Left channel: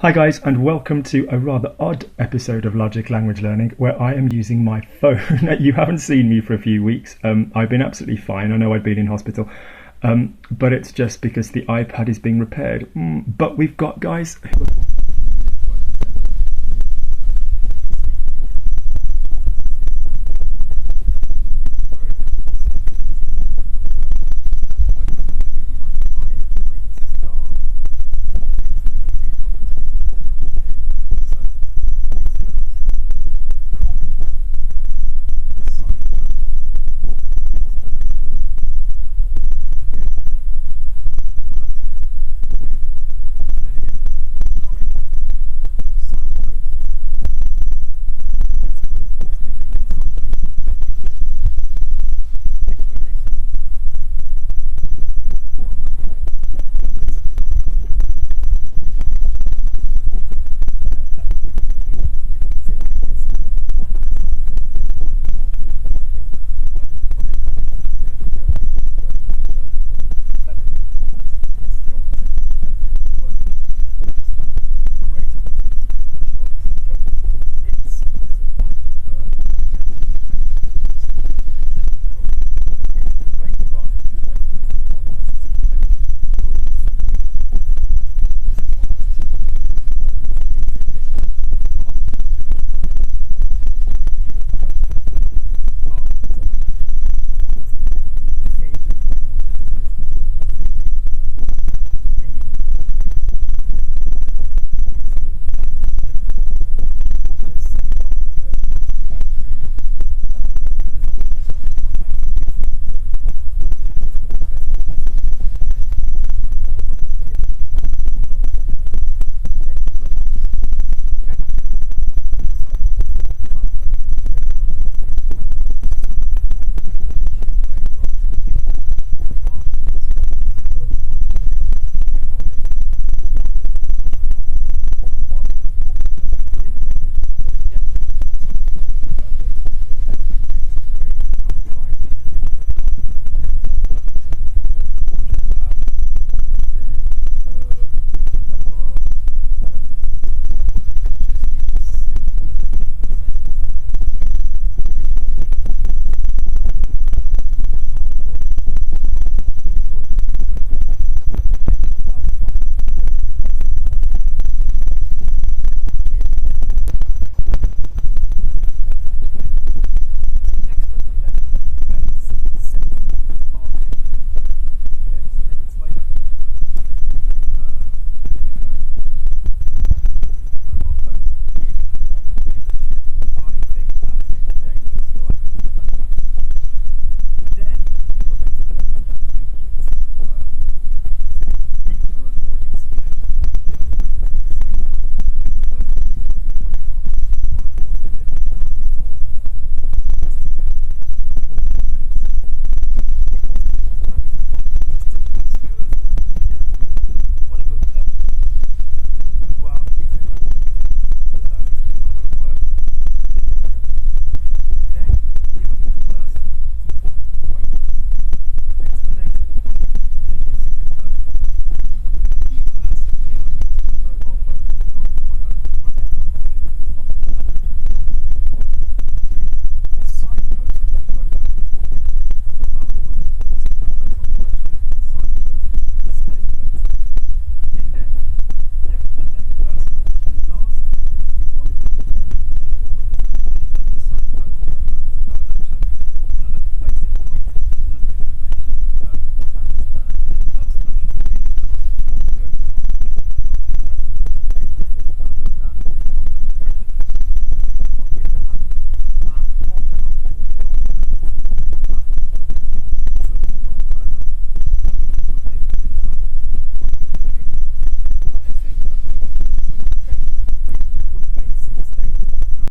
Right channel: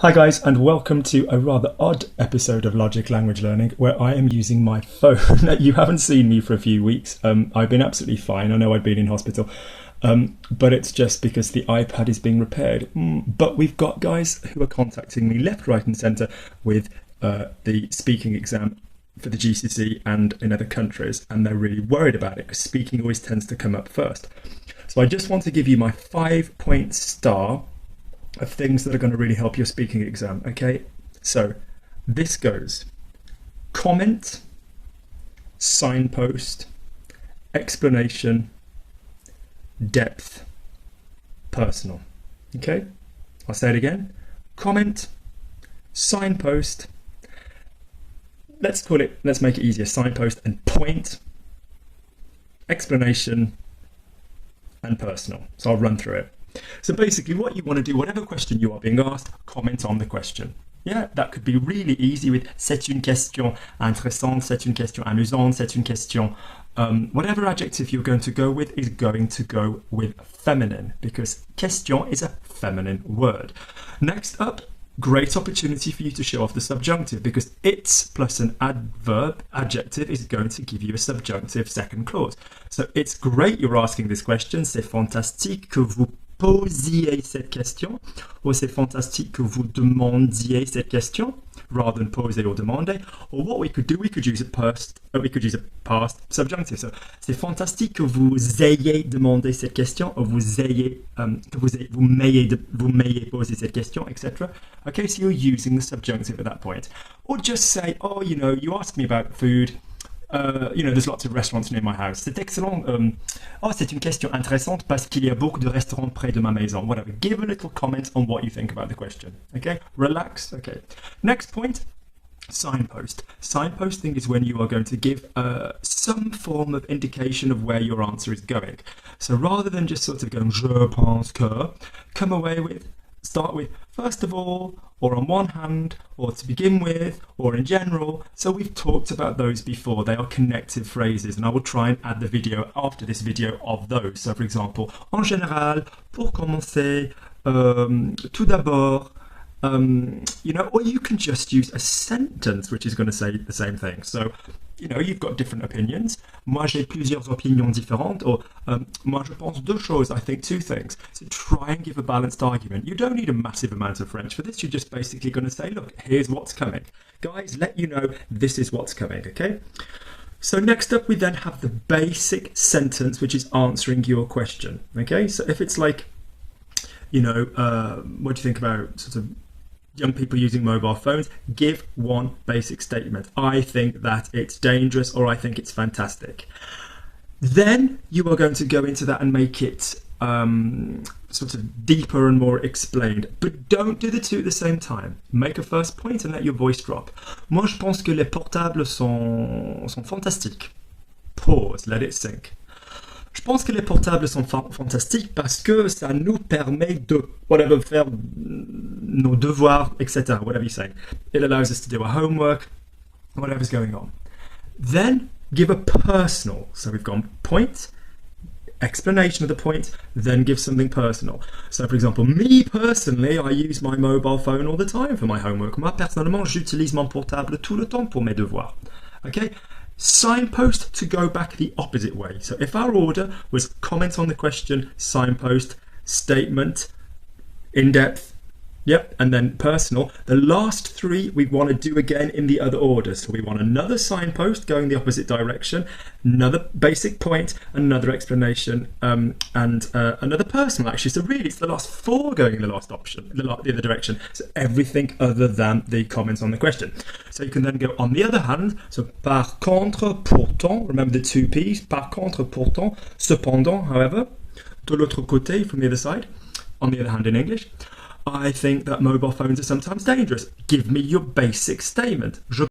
Hi guys, and welcome to a rather odd episode of Logic Language Learning where I am using my phone. You haven't seen me for a few weeks. I've been absolutely fine. I know I'd been in hospital, but it's just because the iPad is being repaired. But we've got guys who are contacting me left, right and centre with the speaking exam for the GCSE and in other countries, and they're really worried about it because speaking always tends to come up first. So I just want to give you my 5-point star of things that are going to really help your speaking exam. Okay, so this goes: comment, signpost, explanation, depth, personal. Okay, I'll say it again: comment, signpost, let's make it easier, signpost and point, explanation and personal. So I'll run through it. So basically what you want to do, whatever question you are being asked, comment on the question. Yeah, that could be really easy with c'est une question intéressante, c'est une question amusante, c'est une question. Whatever adjective you're going to go with is going to go with feminine, because question is a feminine word. Next up, great opportunity for you to show off the subjunctive, because it's plus an adjective is going to give you a subjunctive second clause. So it's great you're asking this question. C'est fantastique que vous posiez cette question, or c'est fantastique que vous demandiez cette question, rather than poser or demander. Or what we could do, we could use a past subjunctive. So c'est fantastique que vous ayez demandé cette question, or vous m'ayez posé cette question, etc. Okay, so you're using the subjunctive at that point. Or just say, oh, you asked me about food. There's lots of restaurants near my house. C'est excellent. C'est une question intéressante parce qu'il y a beaucoup de restaurants près de ma maison. Whatever. Give a little comment on what you think about the question. Okay? Relax. Okay. Next point, signpost. Signposting is when you are going to give some form of indication of where your answer is going. So rather than just sort of going, je pense que, start with, first of all, or on one hand, or to begin with, or in general. So we've talked about those before. They are connective phrases, and I will try and add the video after this video of those. So for example, en général, pour commencer, tout d'abord, or you can just use a sentence which is going to say the same thing. So, you've got different opinions. Moi, j'ai plusieurs opinions différentes, or moi, je pense deux choses, I think two things. So try and give a balanced argument. You don't need a massive amount of French for this. You're just basically going to say, look, here's what's coming. Guys, let you know this is what's coming, okay? So next up, we then have the basic sentence, which is answering your question, okay? So if it's like, what do you think about sort of young people using mobile phones? Give one basic statement. I think that it's dangerous, or I think it's fantastic. Then you are going to go into that and make it sort of deeper and more explained. But don't do the two at the same time. Make a first point and let your voice drop. Moi, je pense que les portables sont fantastiques. Pause, let it sink. Je pense que les portables sont fantastiques parce que ça nous permet de faire nos devoirs, etc. Whatever you say. It allows us to do our homework, whatever's going on. Then give a personal. So we've gone point, explanation of the point, then give something personal. So for example, me personally, I use my mobile phone all the time for my homework. Moi personnellement, j'utilise mon portable tout le temps pour mes devoirs. Okay? Signpost to go back the opposite way. So if our order was comment on the question, signpost, statement, in-depth, yep, and then personal, the last three we want to do again in the other order. So we want another signpost going the opposite direction, another basic point, another explanation, and another personal actually. So really it's the last four going in the last option, the other direction. So everything other than the comments on the question. So you can then go on the other hand, so par contre, pourtant, remember the two P's, par contre, pourtant, cependant, however, de l'autre côté, from the other side, on the other hand in English, I think that mobile phones are sometimes dangerous. Give me your basic statement. Je